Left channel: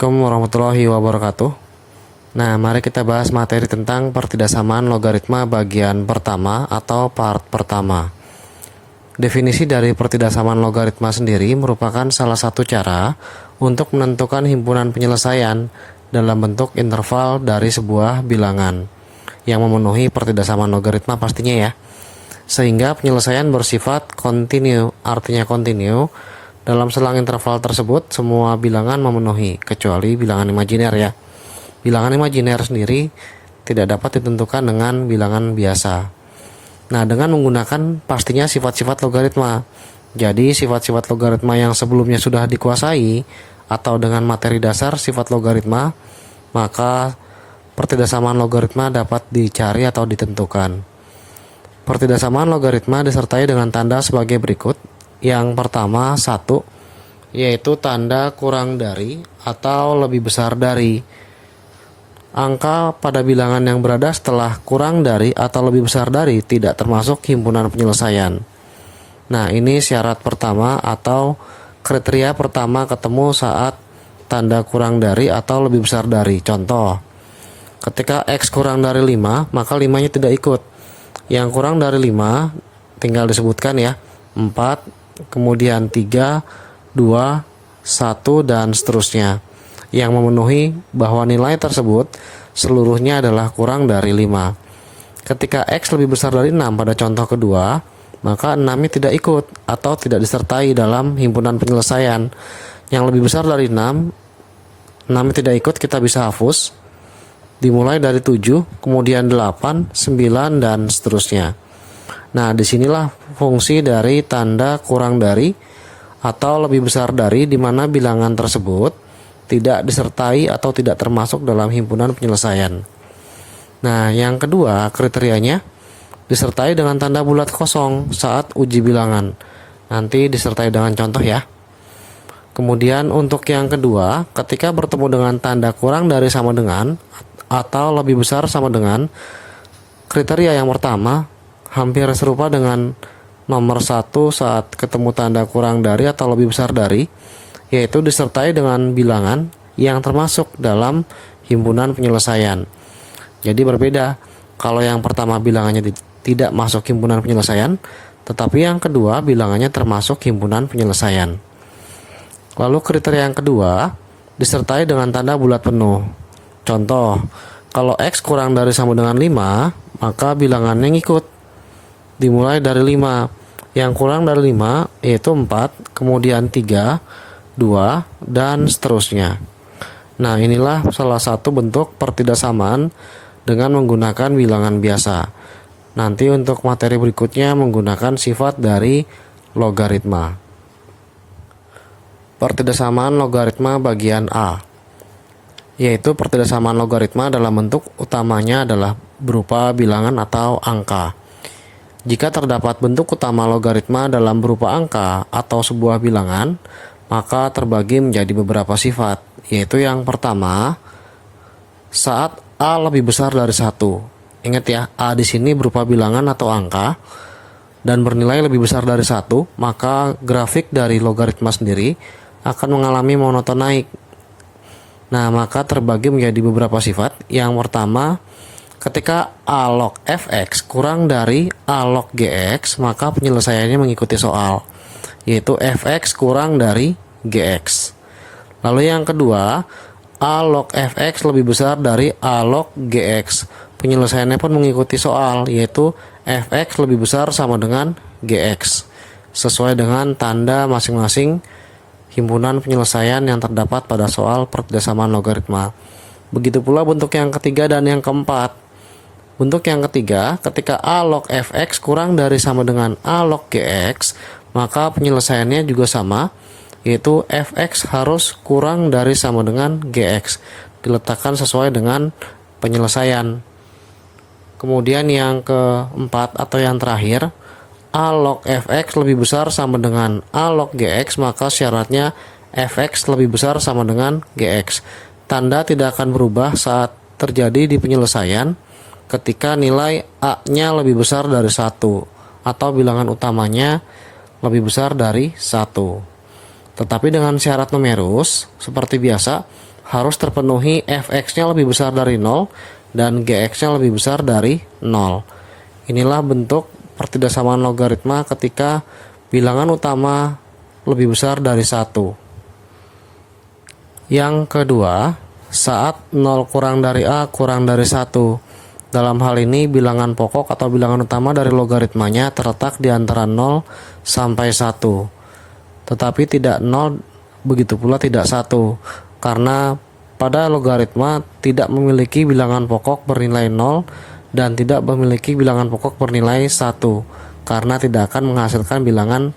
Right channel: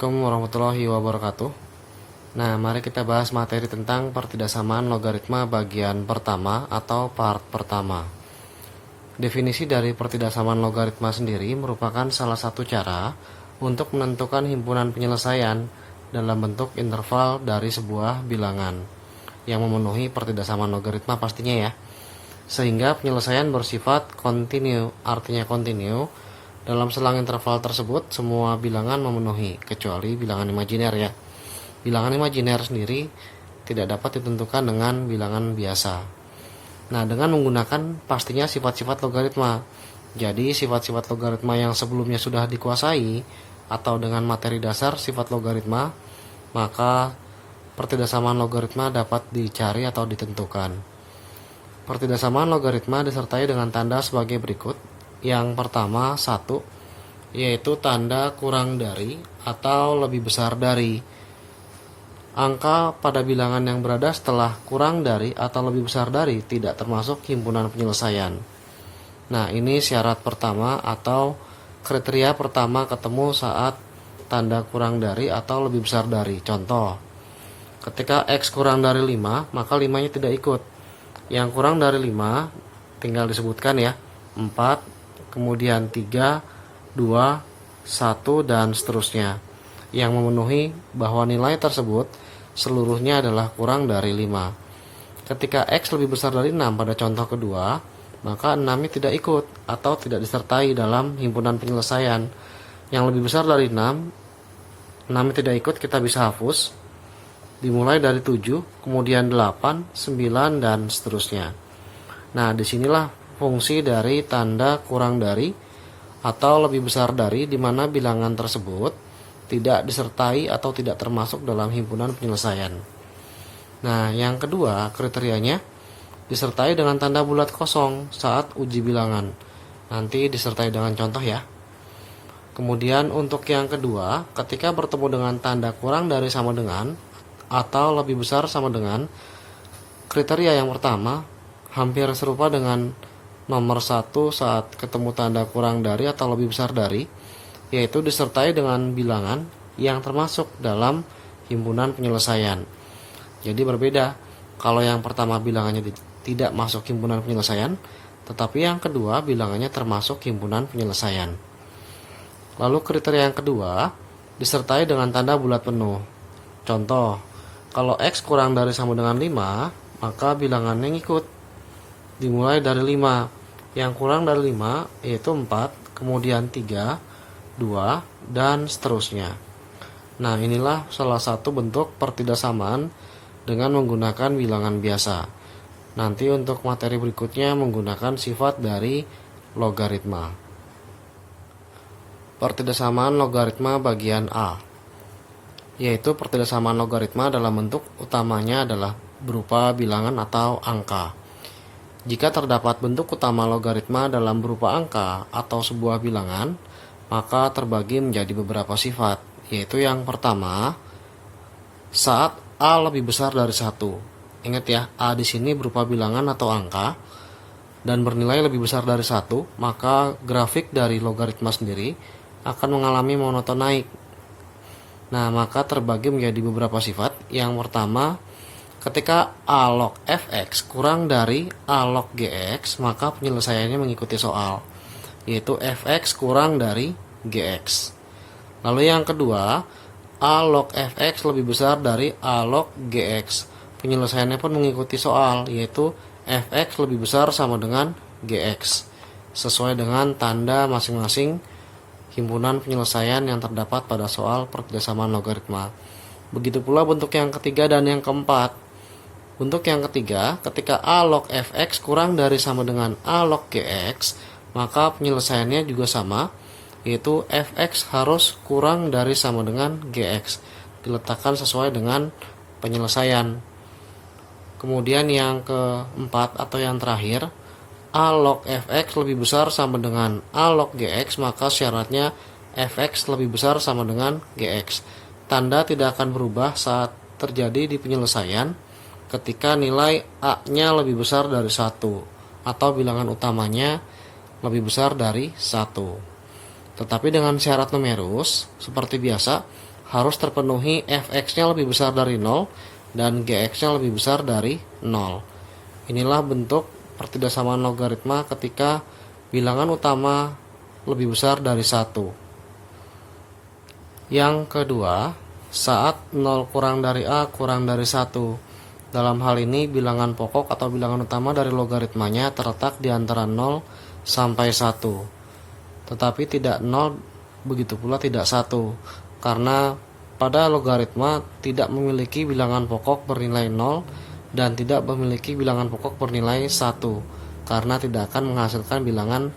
Assalamualaikum warahmatullahi wabarakatuh. Nah, mari kita bahas materi tentang pertidaksamaan logaritma bagian pertama atau part pertama. Definisi dari pertidaksamaan logaritma sendiri merupakan salah satu cara untuk menentukan himpunan penyelesaian dalam bentuk interval dari sebuah bilangan yang memenuhi pertidaksamaan logaritma pastinya ya. Sehingga penyelesaian bersifat kontinu, artinya kontinu. Dalam selang interval tersebut, semua bilangan memenuhi, kecuali bilangan imajiner ya. Bilangan imajiner sendiri tidak dapat ditentukan dengan bilangan biasa. Nah, dengan menggunakan pastinya sifat-sifat logaritma. Jadi, sifat-sifat logaritma yang sebelumnya sudah dikuasai, atau dengan materi dasar sifat logaritma, maka pertidaksamaan logaritma dapat dicari atau ditentukan. Pertidaksamaan logaritma disertai dengan tanda sebagai berikut. Yang pertama, 1, yaitu tanda kurang dari atau lebih besar dari. Angka pada bilangan yang berada setelah kurang dari atau lebih besar dari tidak termasuk himpunan penyelesaian. Nah, ini syarat pertama atau kriteria pertama ketemu saat tanda kurang dari atau lebih besar dari. Contoh, ketika X kurang dari 5, maka 5-nya tidak ikut. Yang kurang dari 5 tinggal disebutkan ya, 4, kemudian 3, 2, 1, dan seterusnya, yang memenuhi bahwa nilai tersebut seluruhnya adalah kurang dari 5. Ketika X lebih besar dari 6 pada contoh kedua, maka 6-nya tidak ikut atau tidak disertai dalam himpunan penyelesaian. Yang lebih besar dari 6, 6-nya tidak ikut, kita bisa hapus. Dimulai dari 7, kemudian 8, 9, dan seterusnya. Nah, disinilah fungsi dari tanda kurang dari atau lebih besar dari, di mana bilangan tersebut tidak disertai atau tidak termasuk dalam himpunan penyelesaian. Nah, yang kedua kriterianya disertai dengan tanda bulat kosong saat uji bilangan. Nanti disertai dengan contoh ya. Kemudian untuk yang kedua, ketika bertemu dengan tanda kurang dari sama dengan atau lebih besar sama dengan, kriteria yang pertama hampir serupa dengan nomor 1 saat ketemu tanda kurang dari atau lebih besar dari, yaitu disertai dengan bilangan yang termasuk dalam himpunan penyelesaian. Jadi berbeda, kalau yang pertama bilangannya tidak masuk himpunan penyelesaian, tetapi yang kedua bilangannya termasuk himpunan penyelesaian. Lalu kriteria yang kedua disertai dengan tanda bulat penuh. Contoh, kalau X kurang dari sama dengan 5, maka bilangannya ngikut. Dimulai dari 5. Yang kurang dari 5 yaitu 4, kemudian 3, 2, dan seterusnya. Nah, inilah salah satu bentuk pertidaksamaan dengan menggunakan bilangan biasa. Nanti untuk materi berikutnya menggunakan sifat dari logaritma. Pertidaksamaan logaritma bagian A, yaitu pertidaksamaan logaritma dalam bentuk utamanya adalah berupa bilangan atau angka. Jika terdapat bentuk utama logaritma dalam berupa angka atau sebuah bilangan, maka terbagi menjadi beberapa sifat, yaitu yang pertama, saat A lebih besar dari 1. Ingat ya, A di sini berupa bilangan atau angka dan bernilai lebih besar dari 1, maka grafik dari logaritma sendiri akan mengalami monoton naik. Nah, maka terbagi menjadi beberapa sifat. Yang pertama, ketika A log fx kurang dari A log gx, maka penyelesaiannya mengikuti soal, yaitu fx kurang dari gx. Lalu yang kedua, A log fx lebih besar dari A log gx. Penyelesaiannya pun mengikuti soal, yaitu fx lebih besar sama dengan gx, sesuai dengan tanda masing-masing himpunan penyelesaian yang terdapat pada soal pertidaksamaan logaritma. Begitu pula bentuk yang ketiga dan yang keempat. Bentuk yang ketiga, ketika A log fx kurang dari sama dengan A log gx, maka penyelesaiannya juga sama, yaitu fx harus kurang dari sama dengan gx, diletakkan sesuai dengan penyelesaian. Kemudian yang keempat atau yang terakhir, A log fx lebih besar sama dengan A log gx, maka syaratnya fx lebih besar sama dengan gx. Tanda tidak akan berubah saat terjadi di penyelesaian ketika nilai A-nya lebih besar dari 1 atau bilangan utamanya lebih besar dari 1. Tetapi dengan syarat numerus, seperti biasa, harus terpenuhi fx-nya lebih besar dari 0 dan gx-nya lebih besar dari 0. Inilah bentuk pertidaksamaan logaritma ketika bilangan utama lebih besar dari 1. Yang kedua, saat 0 kurang dari A kurang dari 1. Dalam hal ini bilangan pokok atau bilangan utama dari logaritmanya terletak di antara 0 sampai 1. Tetapi tidak 0, begitu pula tidak 1. Karena pada logaritma tidak memiliki bilangan pokok bernilai 0 dan tidak memiliki bilangan pokok bernilai 1, karena tidak akan menghasilkan bilangan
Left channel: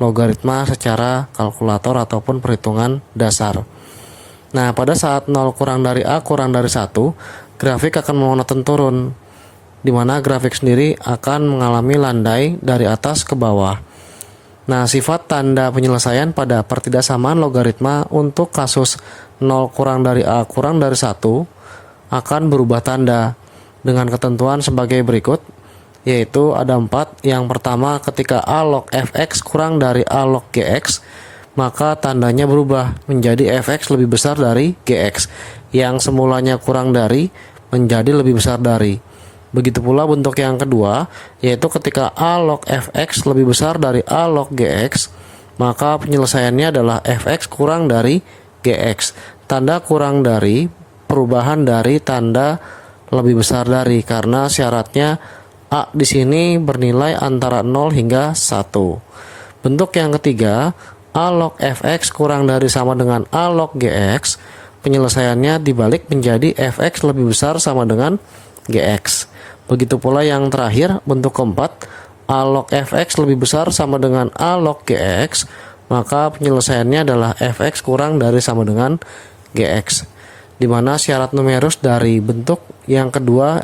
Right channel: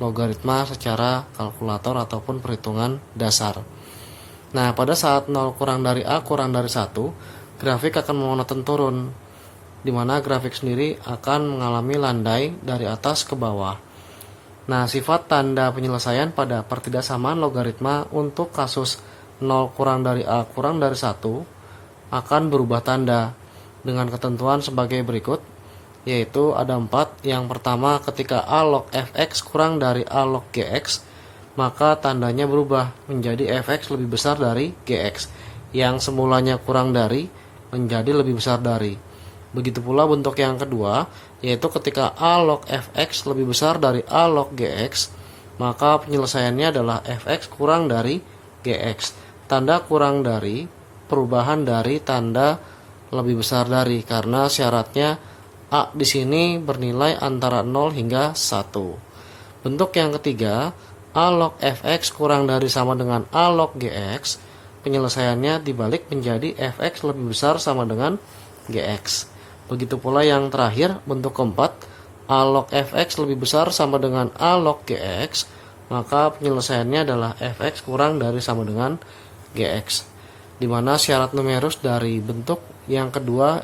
logaritma secara kalkulator ataupun perhitungan dasar. Nah, pada saat 0 kurang dari A kurang dari 1, grafik akan monoton turun, di mana grafik sendiri akan mengalami landai dari atas ke bawah. Nah, sifat tanda penyelesaian pada pertidaksamaan logaritma untuk kasus 0 kurang dari A kurang dari 1 akan berubah tanda dengan ketentuan sebagai berikut, yaitu ada 4. Yang pertama, ketika A log fx kurang dari A log gx, maka tandanya berubah menjadi fx lebih besar dari gx, yang semulanya kurang dari menjadi lebih besar dari. Begitu pula bentuk yang kedua, yaitu ketika A log fx lebih besar dari A log gx, maka penyelesaiannya adalah fx kurang dari gx. Tanda kurang dari perubahan dari tanda lebih besar dari, karena syaratnya A di sini bernilai antara 0 hingga 1. Bentuk yang ketiga, A log fx kurang dari sama dengan A log gx, penyelesaiannya dibalik menjadi fx lebih besar sama dengan gx. Begitu pula yang terakhir, bentuk keempat, A log fx lebih besar sama dengan A log gx, maka penyelesaiannya adalah fx kurang dari sama dengan gx, di mana syarat numerus dari bentuk yang kedua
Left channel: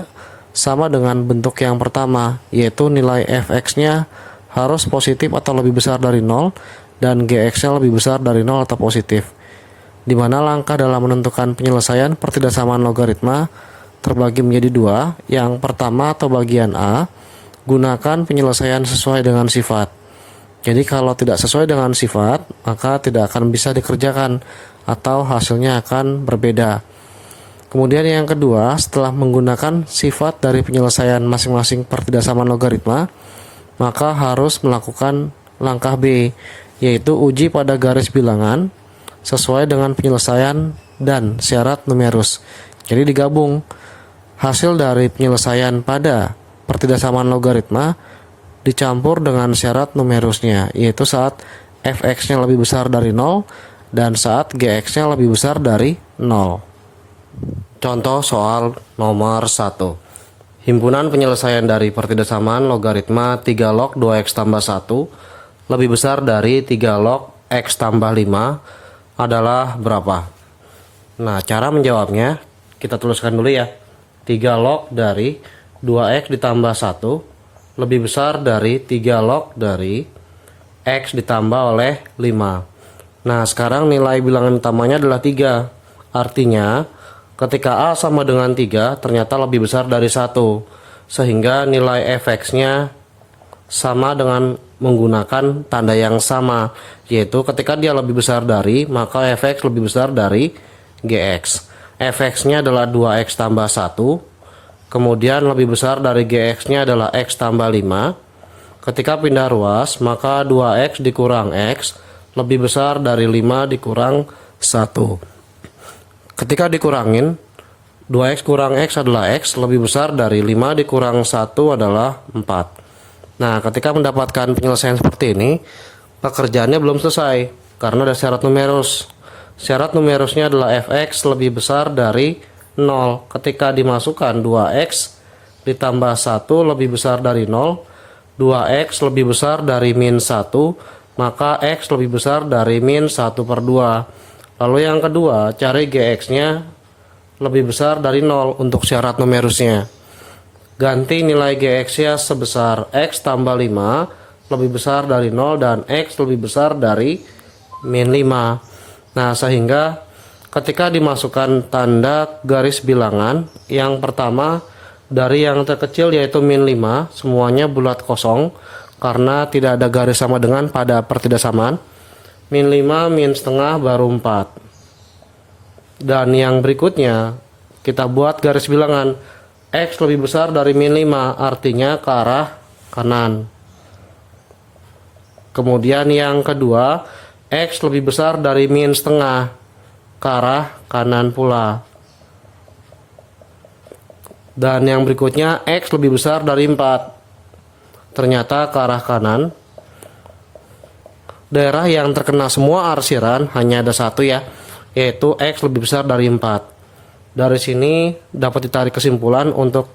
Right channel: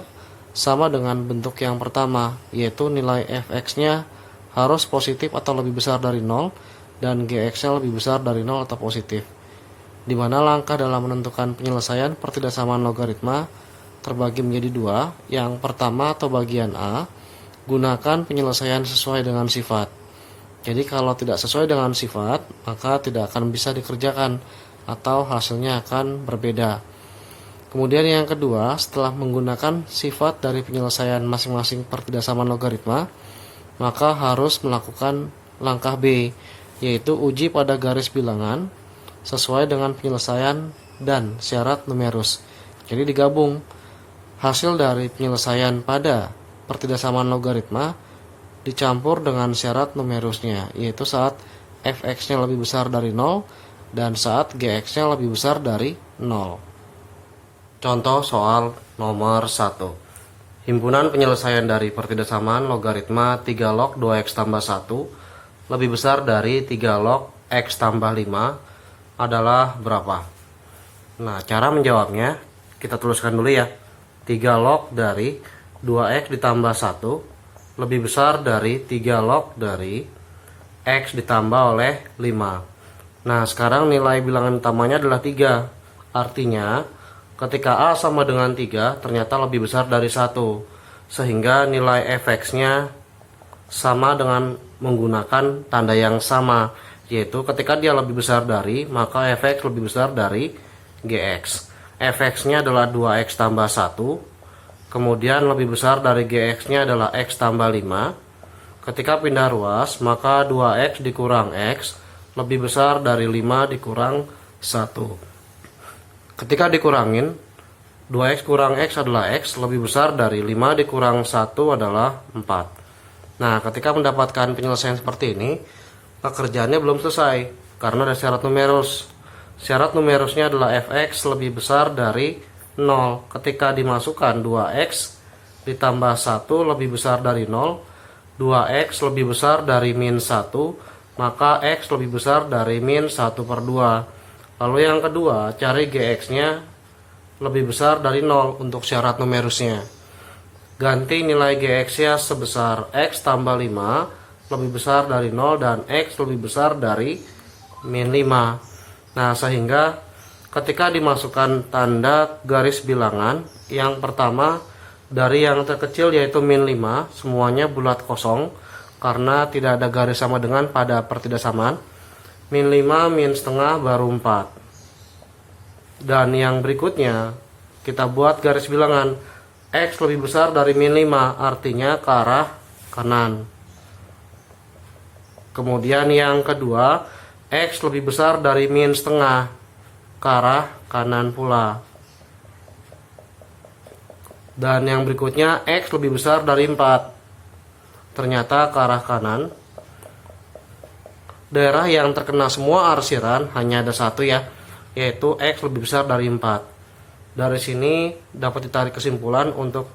sama dengan bentuk yang pertama, yaitu nilai fx-nya harus positif atau lebih besar dari 0 dan gx-nya lebih besar dari 0 atau positif, di mana langkah dalam menentukan penyelesaian pertidaksamaan logaritma terbagi menjadi 2. Yang pertama atau bagian A, gunakan penyelesaian sesuai dengan sifat. Jadi kalau tidak sesuai dengan sifat, maka tidak akan bisa dikerjakan atau hasilnya akan berbeda. Kemudian yang kedua, setelah menggunakan sifat dari penyelesaian masing-masing pertidaksamaan logaritma, maka harus melakukan langkah B, yaitu uji pada garis bilangan sesuai dengan penyelesaian dan syarat numerus. Jadi digabung hasil dari penyelesaian pada pertidaksamaan logaritma dicampur dengan syarat numerusnya, yaitu saat fx-nya lebih besar dari 0 dan saat gx-nya lebih besar dari 0. Contoh soal nomor 1. Himpunan penyelesaian dari pertidaksamaan logaritma 3 log 2x tambah 1 lebih besar dari 3 log x tambah 5 adalah berapa? Nah, cara menjawabnya kita tuliskan dulu ya. 3 log dari 2x ditambah 1 lebih besar dari 3 log dari x ditambah oleh 5. Nah, sekarang nilai bilangan utamanya adalah 3. Artinya, ketika A sama dengan 3, ternyata lebih besar dari 1. Sehingga nilai fx-nya sama dengan menggunakan tanda yang sama, yaitu ketika dia lebih besar dari, maka fx lebih besar dari gx. fx-nya adalah 2x tambah 1, kemudian lebih besar dari gx-nya adalah x tambah 5. Ketika pindah ruas, maka 2x dikurang x lebih besar dari 5 dikurang 1. Ketika dikurangin, 2x kurang x adalah x lebih besar dari 5 dikurang 1 adalah 4. Nah, ketika mendapatkan penyelesaian seperti ini, pekerjaannya belum selesai, karena ada syarat numerus. Syarat numerusnya adalah fx lebih besar dari 0. Ketika dimasukkan 2x ditambah 1 lebih besar dari 0, 2x lebih besar dari min 1, maka x lebih besar dari min 1/2. Lalu yang kedua, cari gx-nya lebih besar dari 0 untuk syarat numerusnya. Ganti nilai gx-nya sebesar x tambah 5 lebih besar dari 0 dan x lebih besar dari min 5. Nah, sehingga ketika dimasukkan tanda garis bilangan, yang pertama dari yang terkecil yaitu min 5, semuanya bulat kosong karena tidak ada garis sama dengan pada pertidaksamaan. Min 5 min setengah baru 4. Dan yang berikutnya kita buat garis bilangan X lebih besar dari min 5, artinya ke arah kanan. Kemudian yang kedua, X lebih besar dari min setengah, ke arah kanan pula. Dan yang berikutnya, X lebih besar dari 4, ternyata ke arah kanan. Daerah yang terkena semua arsiran hanya ada satu ya, yaitu X lebih besar dari 4. Dari sini dapat ditarik kesimpulan untuk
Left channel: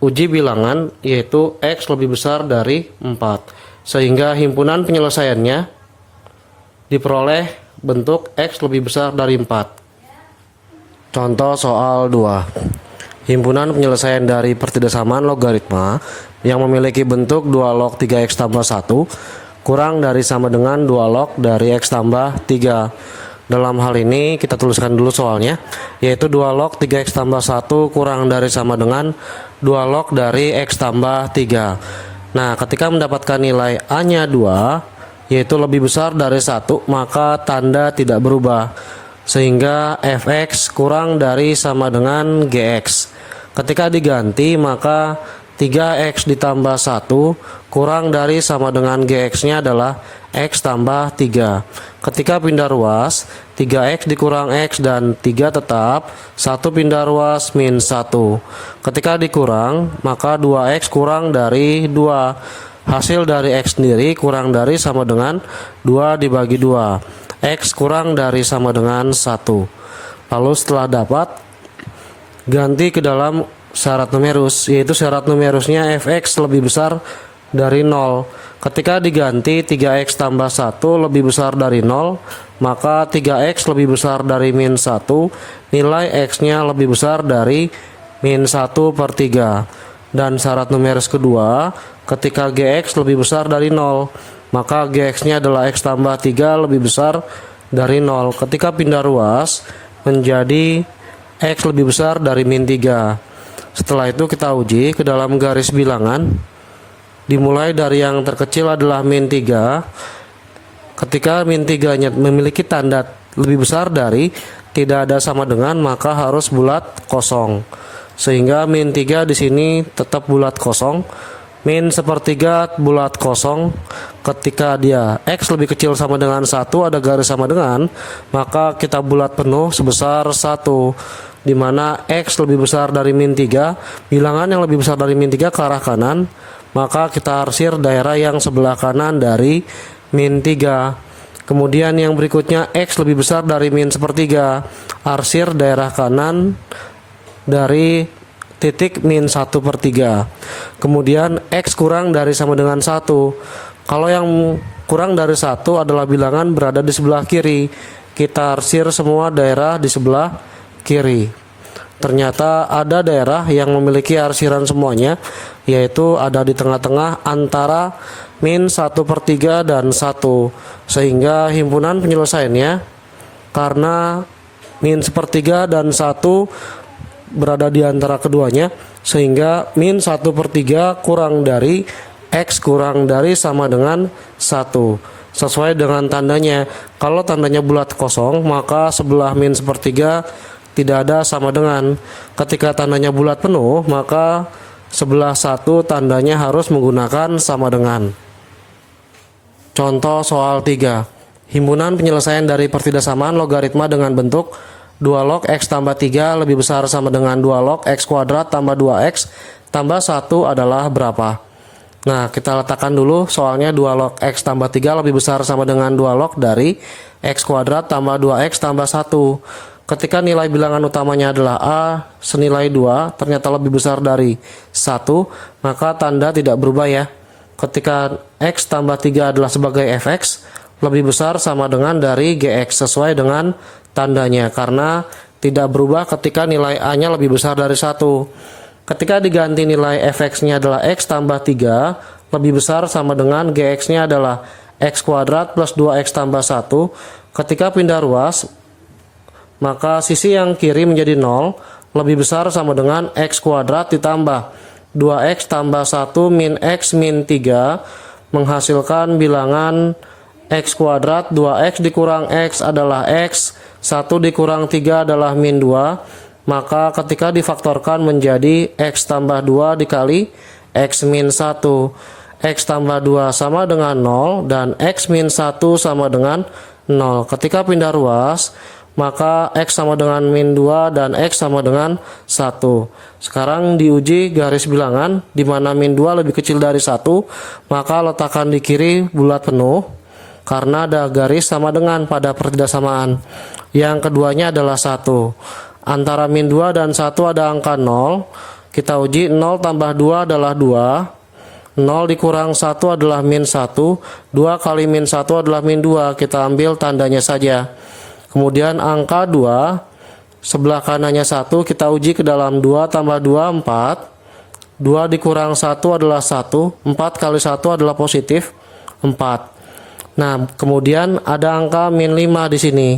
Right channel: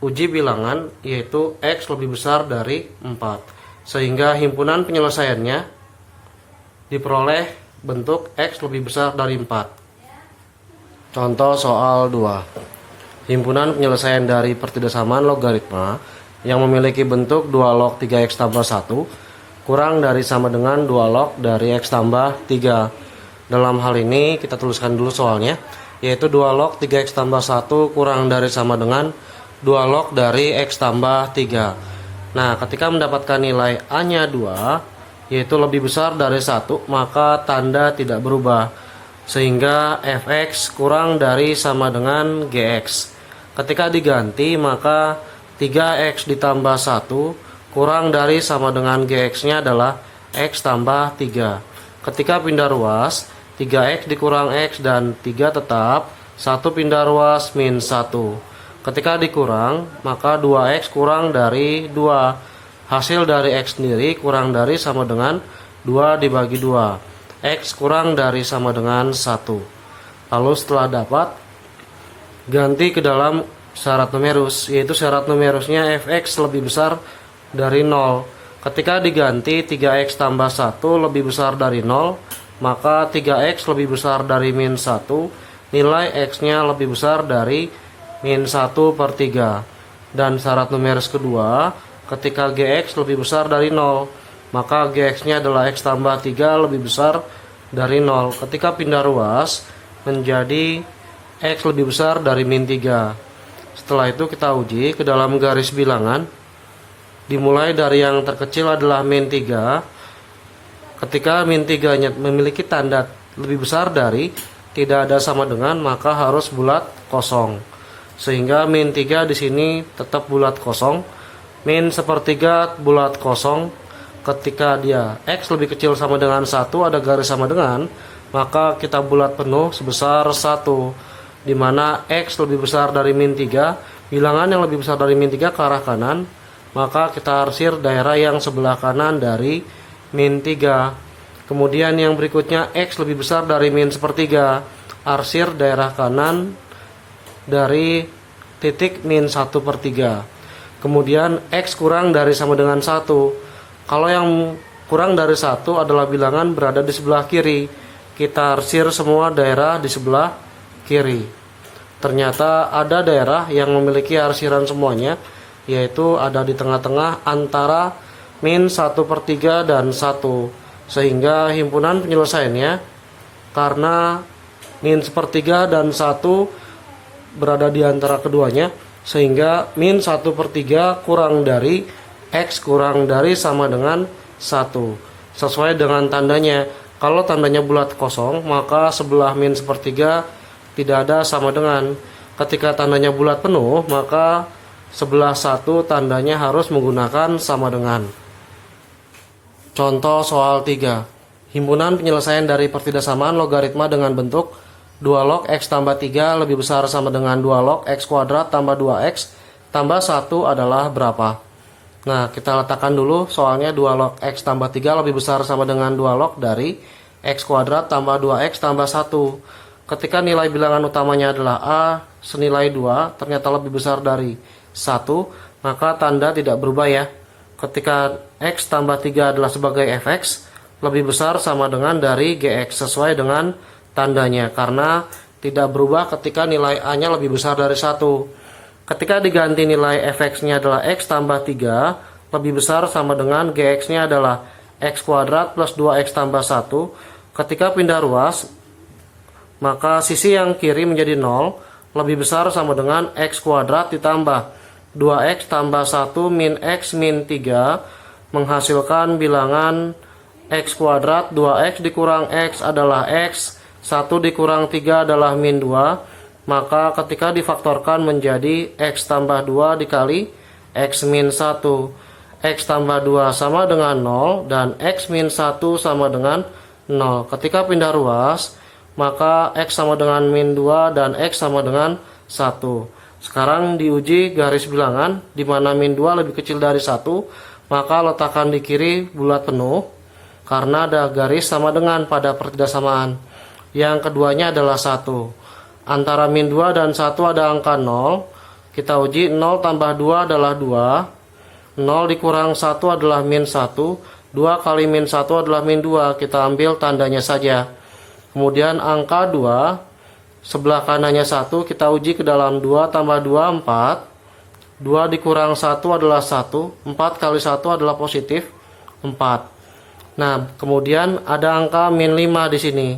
uji bilangan, yaitu X lebih besar dari 4. Sehingga himpunan penyelesaiannya diperoleh bentuk X lebih besar dari 4. Contoh soal 2. Himpunan penyelesaian dari pertidaksamaan logaritma yang memiliki bentuk 2 log 3x tambah 1 kurang dari sama dengan 2 log dari x tambah 3. Dalam hal ini kita tuliskan dulu soalnya, yaitu 2 log 3x tambah 1 kurang dari sama dengan 2 log dari x tambah 3. Nah, ketika mendapatkan nilai A-nya 2, yaitu lebih besar dari 1, maka tanda tidak berubah. Sehingga fx kurang dari sama dengan gx. Ketika diganti, maka 3x ditambah 1 kurang dari sama dengan gx-nya adalah x tambah 3. Ketika pindah ruas, 3x dikurang x dan 3 tetap, 1 pindah ruas min 1. Ketika dikurang, maka 2x kurang dari 2. Hasil dari x sendiri kurang dari sama dengan 2 dibagi 2. X kurang dari sama dengan 1. Lalu setelah dapat, ganti ke dalam syarat numerus, yaitu syarat numerusnya fx lebih besar dari 0. Ketika diganti 3x tambah 1 lebih besar dari 0, maka 3x lebih besar dari min 1, nilai x-nya lebih besar dari min 1 per 3. Dan syarat numeris kedua, ketika gx lebih besar dari 0, maka gx-nya adalah x tambah 3 lebih besar dari 0. Ketika pindah ruas, menjadi x lebih besar dari min 3. Setelah itu kita uji ke dalam garis bilangan. Dimulai dari yang terkecil adalah min 3. Ketika min 3-nya memiliki tanda lebih besar dari, tidak ada sama dengan, maka harus bulat kosong. Sehingga min 3 di sini tetap bulat kosong. Min sepertiga bulat kosong. Ketika dia X lebih kecil sama dengan 1, ada garis sama dengan, maka kita bulat penuh sebesar 1. Dimana X lebih besar dari min 3, bilangan yang lebih besar dari min 3 ke arah kanan, maka kita arsir daerah yang sebelah kanan dari min 3. Kemudian yang berikutnya X lebih besar dari min sepertiga, arsir daerah kanan dari titik min 1 per 3. Kemudian X kurang dari sama dengan 1. Kalau yang kurang dari 1 adalah bilangan berada di sebelah kiri, kita arsir semua daerah di sebelah kiri. Ternyata ada daerah yang memiliki arsiran semuanya, yaitu ada di tengah-tengah antara min 1 per 3 dan 1. Sehingga himpunan penyelesaiannya, karena min sepertiga dan 1 berada di antara keduanya, sehingga min 1 per 3 kurang dari X kurang dari sama dengan 1. Sesuai dengan tandanya. Kalau tandanya bulat kosong, maka sebelah min sepertiga tidak ada sama dengan. Ketika tandanya bulat penuh, maka sebelah 1 tandanya harus menggunakan sama dengan. Contoh soal 3. Himpunan penyelesaian dari pertidaksamaan logaritma dengan bentuk 2 log x tambah 3 lebih besar sama dengan 2 log x kuadrat tambah 2x tambah 1 adalah berapa? Nah, kita letakkan dulu soalnya 2 log x tambah 3 lebih besar sama dengan 2 log dari x kuadrat tambah 2x tambah 1. Ketika nilai bilangan utamanya adalah A senilai 2, ternyata lebih besar dari 1, maka tanda tidak berubah ya. Ketika X tambah 3 adalah sebagai fx, lebih besar sama dengan dari gx sesuai dengan tandanya, karena tidak berubah ketika nilai A-nya lebih besar dari 1. Ketika diganti nilai fx-nya adalah X tambah 3, lebih besar sama dengan gx-nya adalah X kuadrat plus 2X tambah 1. Ketika pindah ruas, maka sisi yang kiri menjadi 0, lebih besar sama dengan X kuadrat ditambah 2X tambah 1 min X min 3, menghasilkan bilangan X kuadrat 2X dikurang X adalah X 1 dikurang 3 adalah min 2, maka ketika difaktorkan menjadi X tambah 2 dikali X min 1. X tambah 2 sama dengan 0 dan X min 1 sama dengan 0. Ketika pindah ruas, maka X sama dengan min 2 dan X sama dengan 1. Sekarang diuji garis bilangan, di mana min 2 lebih kecil dari 1, maka letakkan di kiri bulat penuh, karena ada garis sama dengan pada pertidaksamaan. Yang keduanya adalah 1. Antara min 2 dan 1 ada angka 0. Kita uji 0 tambah 2 adalah 2. 0 dikurang 1 adalah min 1. 2 kali min 1 adalah min 2. Kita ambil tandanya saja. Kemudian angka 2, sebelah kanannya 1, kita uji ke dalam 2 tambah 2, 4. 2 dikurang 1 adalah 1. 4 kali 1 adalah positif 4. Nah, kemudian ada angka min 5 di sini.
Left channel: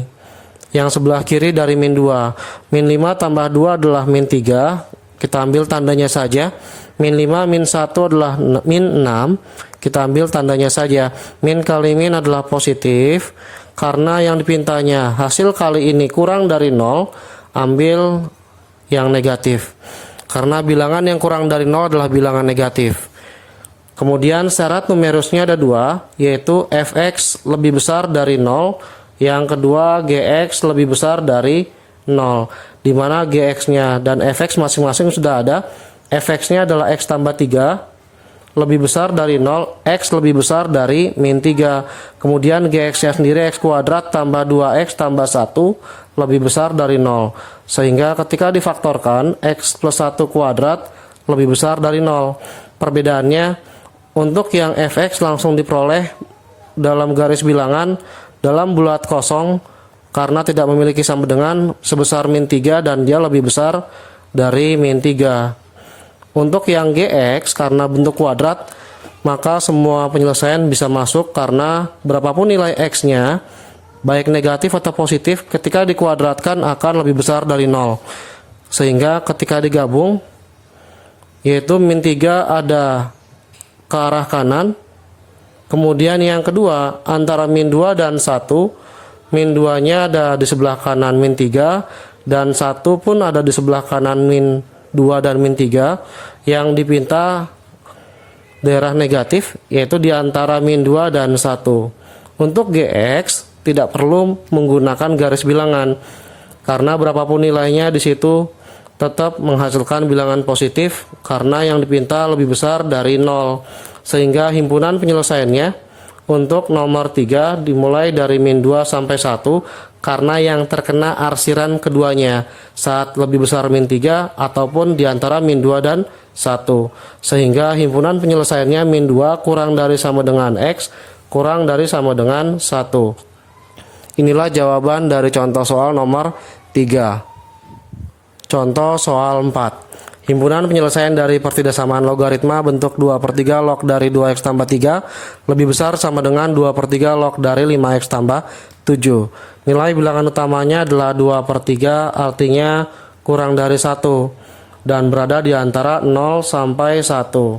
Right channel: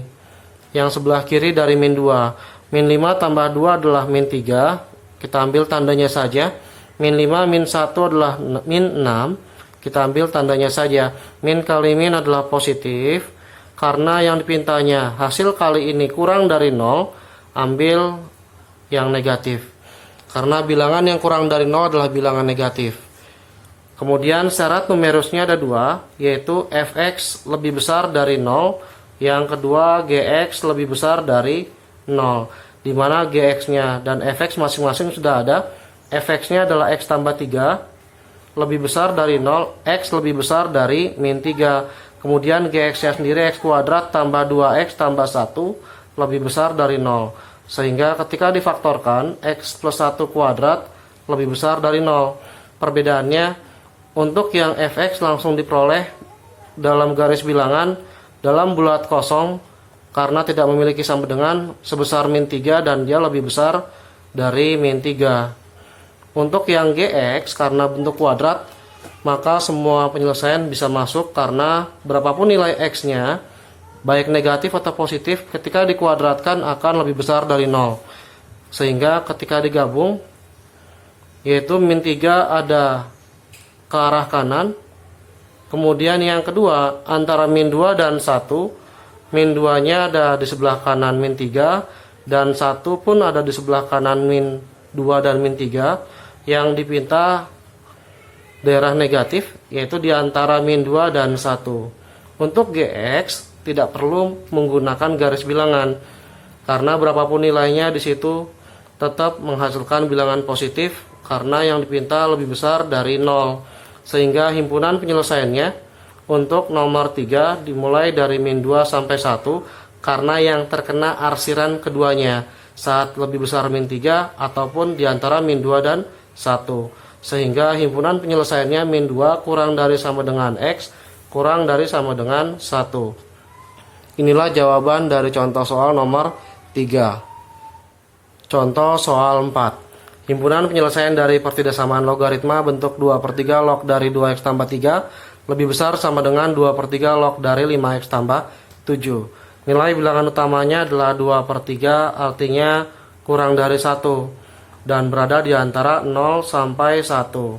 Yang sebelah kiri dari min 2. Min 5 tambah 2 adalah min 3. Kita ambil tandanya saja. Min 5 min 1 adalah min 6. Kita ambil tandanya saja. Min kali min adalah positif. Karena yang dipintanya hasil kali ini kurang dari 0, ambil yang negatif. Karena bilangan yang kurang dari 0 adalah bilangan negatif. Kemudian syarat numerusnya ada 2, yaitu fx lebih besar dari 0, yang kedua gx lebih besar dari 0, di mana gx-nya dan fx masing-masing sudah ada. Fx-nya adalah x tambah 3 lebih besar dari 0, x lebih besar dari min 3. Kemudian gx-nya sendiri x kuadrat tambah 2x tambah 1 lebih besar dari 0. Sehingga ketika difaktorkan, x plus 1 kuadrat lebih besar dari 0. Perbedaannya, untuk yang fx langsung diperoleh dalam garis bilangan dalam bulat kosong karena tidak memiliki sama dengan sebesar min 3 dan dia lebih besar dari min 3. Untuk yang gx karena bentuk kuadrat, maka semua penyelesaian bisa masuk karena berapapun nilai x-nya, baik negatif atau positif, ketika dikuadratkan akan lebih besar dari 0. Sehingga ketika digabung, yaitu min 3 ada ke arah kanan. Kemudian yang kedua, antara min 2 dan 1, min 2 nya ada di sebelah kanan min 3 dan 1 pun ada di sebelah kanan min 2 dan min 3. Yang dipinta daerah negatif, yaitu di antara min 2 dan 1. Untuk gx tidak perlu menggunakan garis bilangan karena berapapun nilainya di situ tetap menghasilkan bilangan positif karena yang dipinta lebih besar dari 0. Sehingga himpunan penyelesaiannya untuk nomor 3 dimulai dari min 2 sampai 1 karena yang terkena arsiran keduanya saat lebih besar min 3 ataupun diantara min 2 dan 1. Sehingga himpunan penyelesaiannya min 2 kurang dari sama dengan x kurang dari sama dengan 1. Inilah jawaban dari contoh soal nomor 3. Contoh soal 4. Himpunan penyelesaian dari pertidaksamaan logaritma bentuk 2/3 log dari 2x tambah 3 lebih besar sama dengan 2/3 log dari 5x tambah 7. Nilai bilangan utamanya adalah 2/3, artinya kurang dari 1 dan berada di antara 0 sampai 1.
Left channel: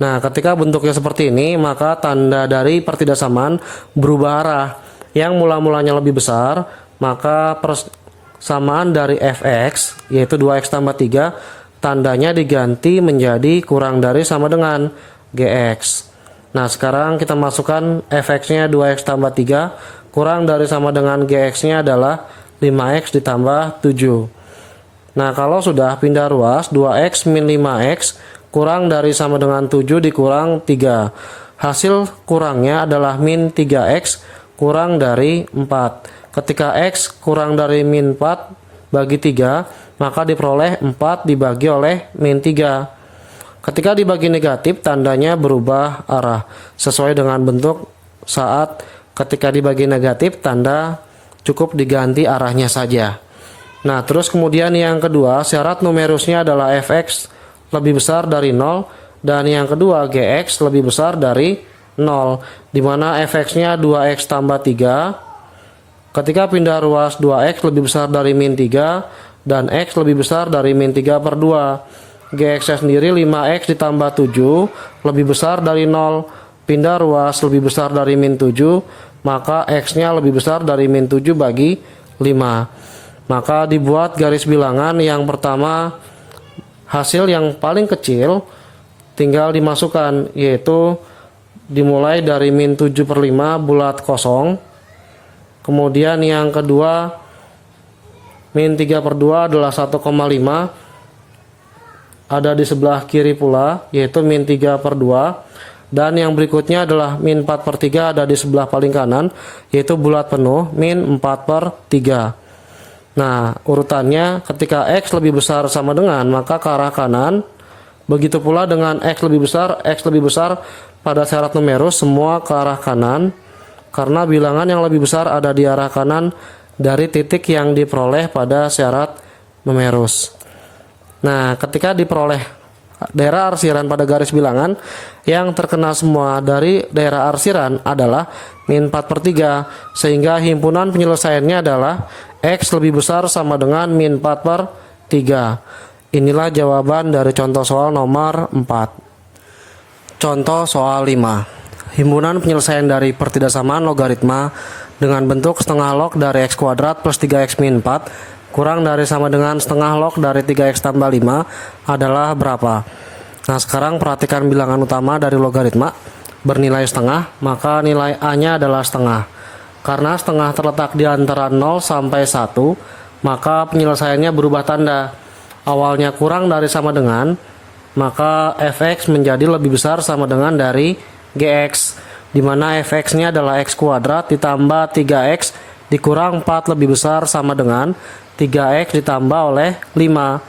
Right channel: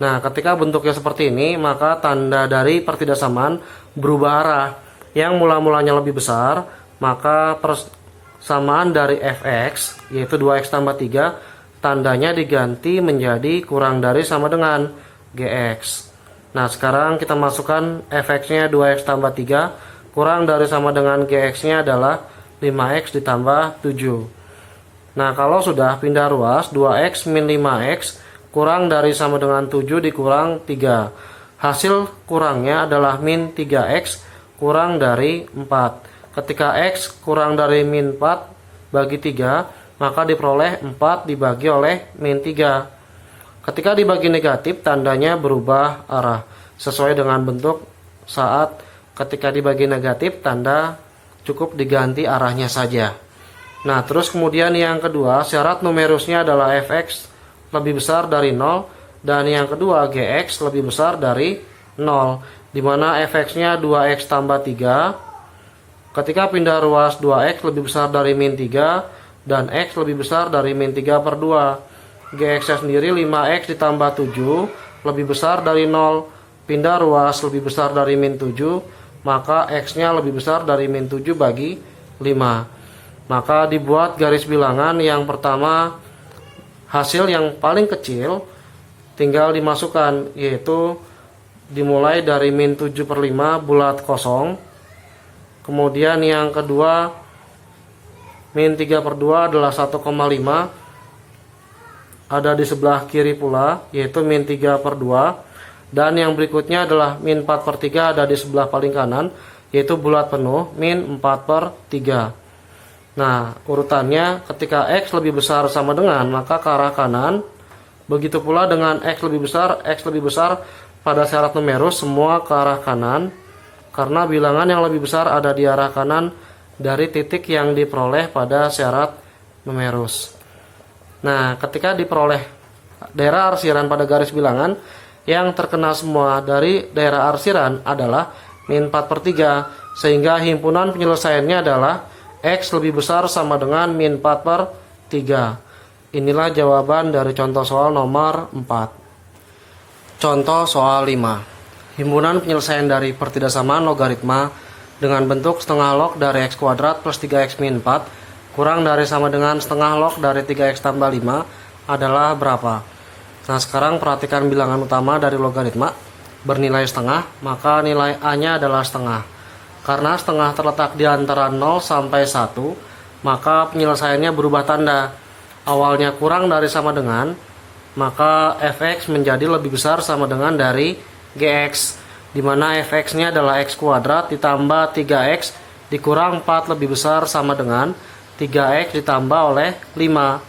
Nah, ketika bentuknya seperti ini, maka tanda dari pertidaksamaan berubah arah. Yang mula-mulanya lebih besar, maka persamaan dari fx, yaitu 2x tambah 3, tandanya diganti menjadi kurang dari sama dengan gx. Nah, sekarang kita masukkan fx-nya 2x tambah 3, kurang dari sama dengan gx-nya adalah 5x ditambah 7. Nah, kalau sudah pindah ruas, 2x min 5x kurang dari sama dengan 7 dikurang 3. Hasil kurangnya adalah min 3x kurang dari 4. Ketika x kurang dari min 4 bagi 3, maka diperoleh 4 dibagi oleh min 3. Ketika dibagi negatif, tandanya berubah arah. Sesuai dengan bentuk saat ketika dibagi negatif, tanda cukup diganti arahnya saja. Nah, terus kemudian yang kedua, syarat numerusnya adalah fx lebih besar dari 0 dan yang kedua gx lebih besar dari 0, di mana fx-nya 2x tambah 3. Ketika pindah ruas, 2x lebih besar dari min 3 dan x lebih besar dari min 3/2. Gx-nya sendiri 5x ditambah 7 lebih besar dari 0. Pindah ruas lebih besar dari min 7, maka x-nya lebih besar dari min 7 bagi 5. Maka dibuat garis bilangan yang pertama, hasil yang paling kecil tinggal dimasukkan, yaitu dimulai dari min 7/5 bulat kosong. Kemudian yang kedua, min 3/2 adalah 1,5, ada di sebelah kiri pula, yaitu min 3/2. Dan yang berikutnya adalah min 4/3 ada di sebelah paling kanan, yaitu bulat penuh, min 4/3. Nah, urutannya ketika X lebih besar sama dengan, maka ke arah kanan. Begitu pula dengan X lebih besar pada syarat numerus, semua ke arah kanan. Karena bilangan yang lebih besar ada di arah kanan dari titik yang diperoleh pada syarat numerus. Nah, ketika diperoleh daerah arsiran pada garis bilangan, yang terkena semua dari daerah arsiran adalah min 4/3, sehingga himpunan penyelesaiannya adalah X lebih besar sama dengan min 4/3. Inilah jawaban dari contoh soal nomor 4. Contoh soal 5. Himpunan penyelesaian dari pertidaksamaan logaritma dengan bentuk setengah log dari X kuadrat plus 3X min 4 kurang dari sama dengan setengah log dari 3X tambah 5 adalah berapa? Nah, sekarang perhatikan bilangan utama dari logaritma bernilai setengah, maka nilai A-nya adalah setengah. Karena setengah terletak di antara 0 sampai 1, maka penyelesaiannya berubah tanda. Awalnya kurang dari sama dengan, maka fx menjadi lebih besar sama dengan dari gx, di mana fx-nya adalah x kuadrat ditambah 3x dikurang 4 lebih besar sama dengan 3x ditambah oleh 5.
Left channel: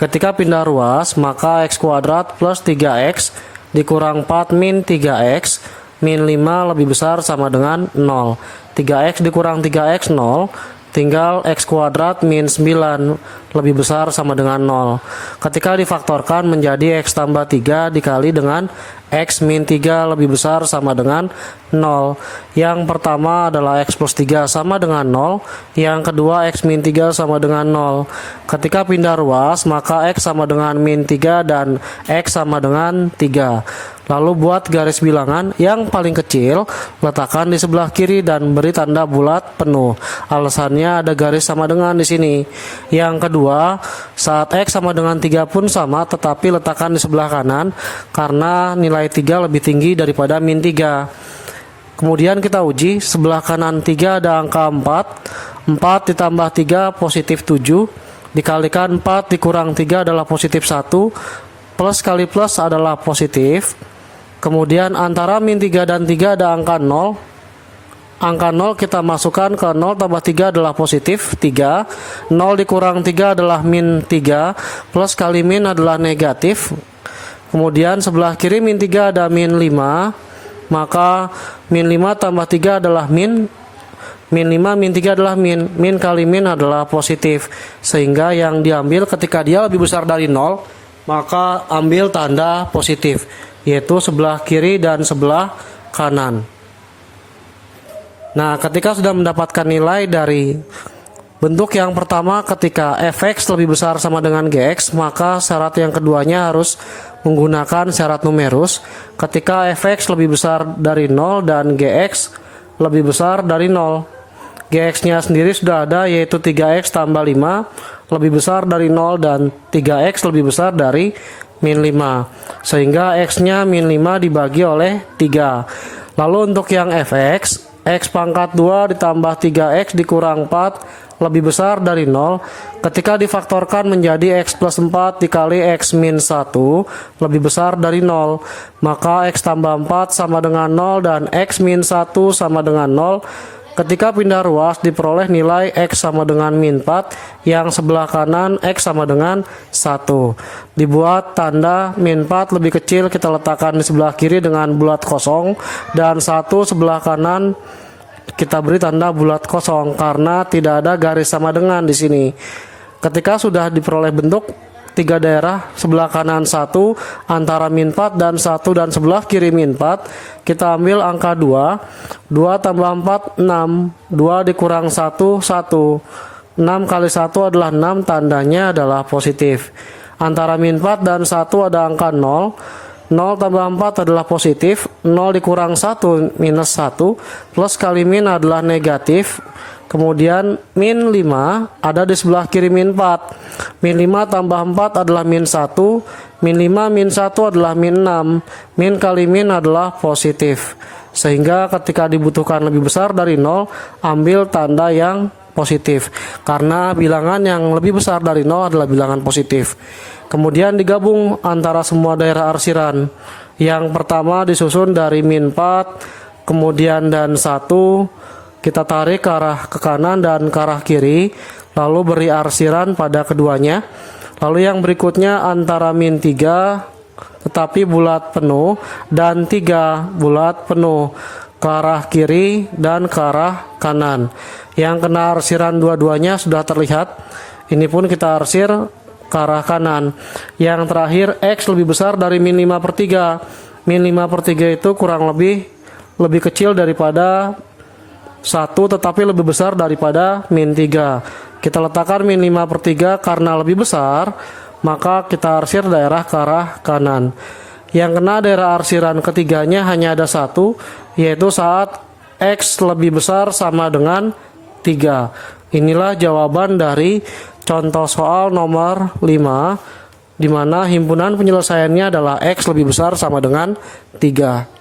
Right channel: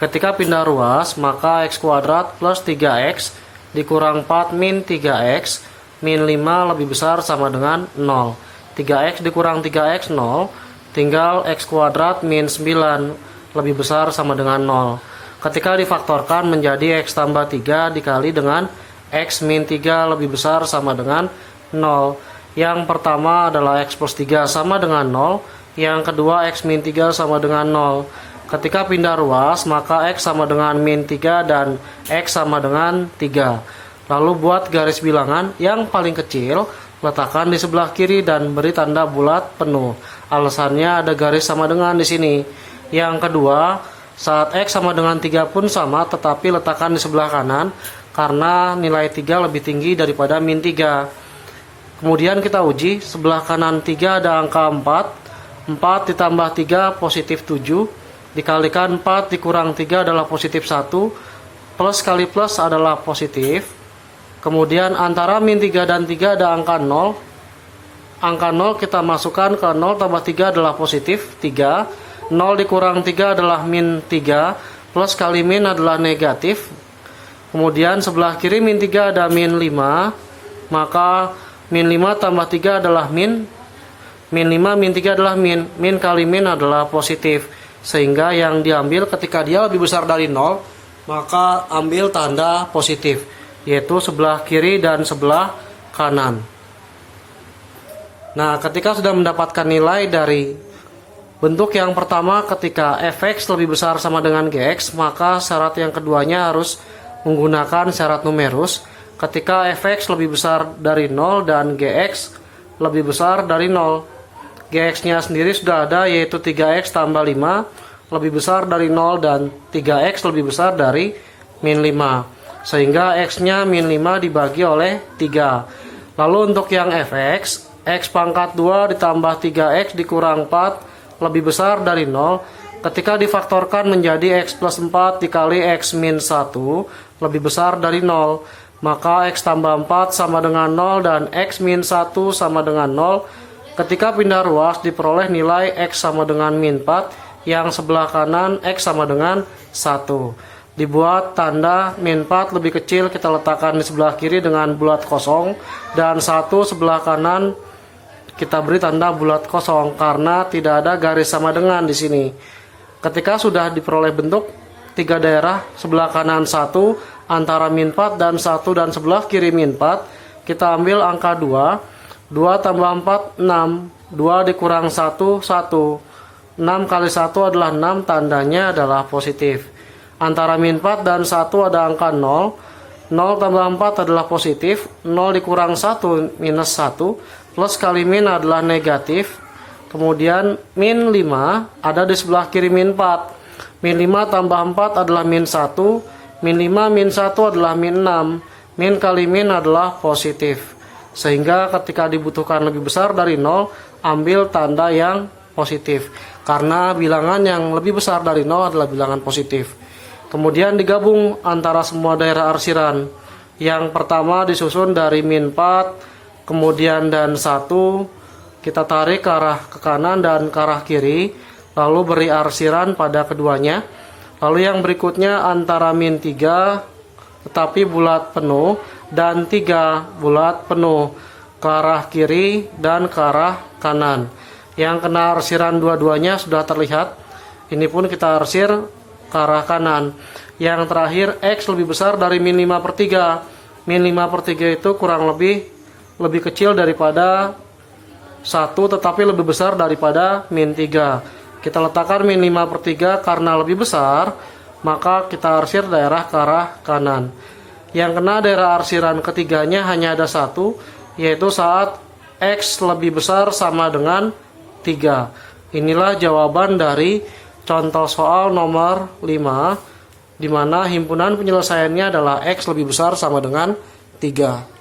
Ketika pindah ruas, maka x kuadrat plus 3x dikurang 4 min 3x min 5 lebih besar sama dengan 0. 3x dikurang 3x 0, tinggal x kuadrat min 9 lebih besar sama dengan 0. Ketika difaktorkan menjadi x tambah 3 dikali dengan x min 3 lebih besar sama dengan 0. Yang pertama adalah x plus 3 sama dengan 0, yang kedua x min 3 sama dengan 0. Ketika pindah ruas, maka x sama dengan min 3 dan x sama dengan 3. Lalu buat garis bilangan yang paling kecil, letakkan di sebelah kiri dan beri tanda bulat penuh. Alasannya ada garis sama dengan di sini. Yang kedua, saat x sama dengan 3 pun sama, tetapi letakkan di sebelah kanan karena nilai 3 lebih tinggi daripada min 3. Kemudian kita uji, sebelah kanan 3 ada angka 4. 4 ditambah 3 positif 7, dikalikan 4 dikurang 3 adalah positif 1, plus kali plus adalah positif. Kemudian antara min 3 dan 3 ada angka 0. Angka 0 kita masukkan ke 0 tambah 3 adalah positif 3. 0 dikurang 3 adalah min 3. Plus kali min adalah negatif. Kemudian sebelah kiri min 3 ada min 5. Maka min 5 tambah 3 adalah min 5 min 3 adalah min. Min kali min adalah positif. Sehingga yang diambil ketika dia lebih besar dari 0, maka ambil tanda positif, yaitu sebelah kiri dan sebelah kanan. Nah, ketika sudah mendapatkan nilai dari bentuk yang pertama, ketika fx lebih besar sama dengan gx, maka syarat yang keduanya harus menggunakan syarat numerus. Ketika fx lebih besar dari 0 dan gx lebih besar dari 0, gx-nya sendiri sudah ada, yaitu 3x tambah 5 lebih besar dari 0 dan 3x lebih besar dari min 5. Sehingga x-nya min 5 dibagi oleh 3. Lalu untuk yang fx, x pangkat 2 ditambah 3x dikurang 4 lebih besar dari 0. Ketika difaktorkan menjadi x plus 4 dikali x min 1 lebih besar dari 0. Maka x tambah 4 sama dengan 0 dan x min 1 sama dengan 0. Ketika pindah ruas diperoleh nilai x sama dengan min 4, yang sebelah kanan x sama dengan 1. Dibuat tanda min 4 lebih kecil kita letakkan di sebelah kiri dengan bulat kosong, dan 1 sebelah kanan kita beri tanda bulat kosong karena tidak ada garis sama dengan di sini. Ketika sudah diperoleh bentuk 3 daerah, sebelah kanan 1 antara min 4 dan 1 dan sebelah kiri min 4, kita ambil angka 2. 2 tambah 4 6, 2 dikurang 1 1. 6 kali 1 adalah 6, tandanya adalah positif. Antara min 4 dan 1 ada angka 0. 0 tambah 4 adalah positif. 0 dikurang 1 minus 1. Plus kali min adalah negatif. Kemudian min 5 ada di sebelah kiri min 4. Min 5 tambah 4 adalah min 1. Min 5 min 1 adalah min 6. Min kali min adalah positif. Sehingga ketika dibutuhkan lebih besar dari 0, ambil tanda yang positif. Karena bilangan yang lebih besar dari 0 adalah bilangan positif. Kemudian digabung antara semua daerah arsiran. Yang pertama disusun dari min 4, kemudian dan 1, kita tarik ke arah ke kanan dan ke arah kiri, lalu beri arsiran pada keduanya. Lalu yang berikutnya antara min 3 tetapi bulat penuh dan 3 bulat penuh ke arah kiri dan ke arah kanan. Yang kena arsiran dua-duanya sudah terlihat. Ini pun kita arsir ke arah kanan. Yang terakhir X lebih besar dari min 5 per 3. Min 5 per 3 itu kurang lebih kecil daripada 1 tetapi lebih besar daripada min 3. Kita letakkan min 5 per 3 karena lebih besar, maka kita arsir daerah ke arah kanan. Yang kena daerah arsiran ketiganya hanya ada satu, yaitu saat X lebih besar sama dengan 3. Inilah jawaban dari contoh soal nomor 5, di mana himpunan penyelesaiannya adalah X lebih besar sama dengan 3.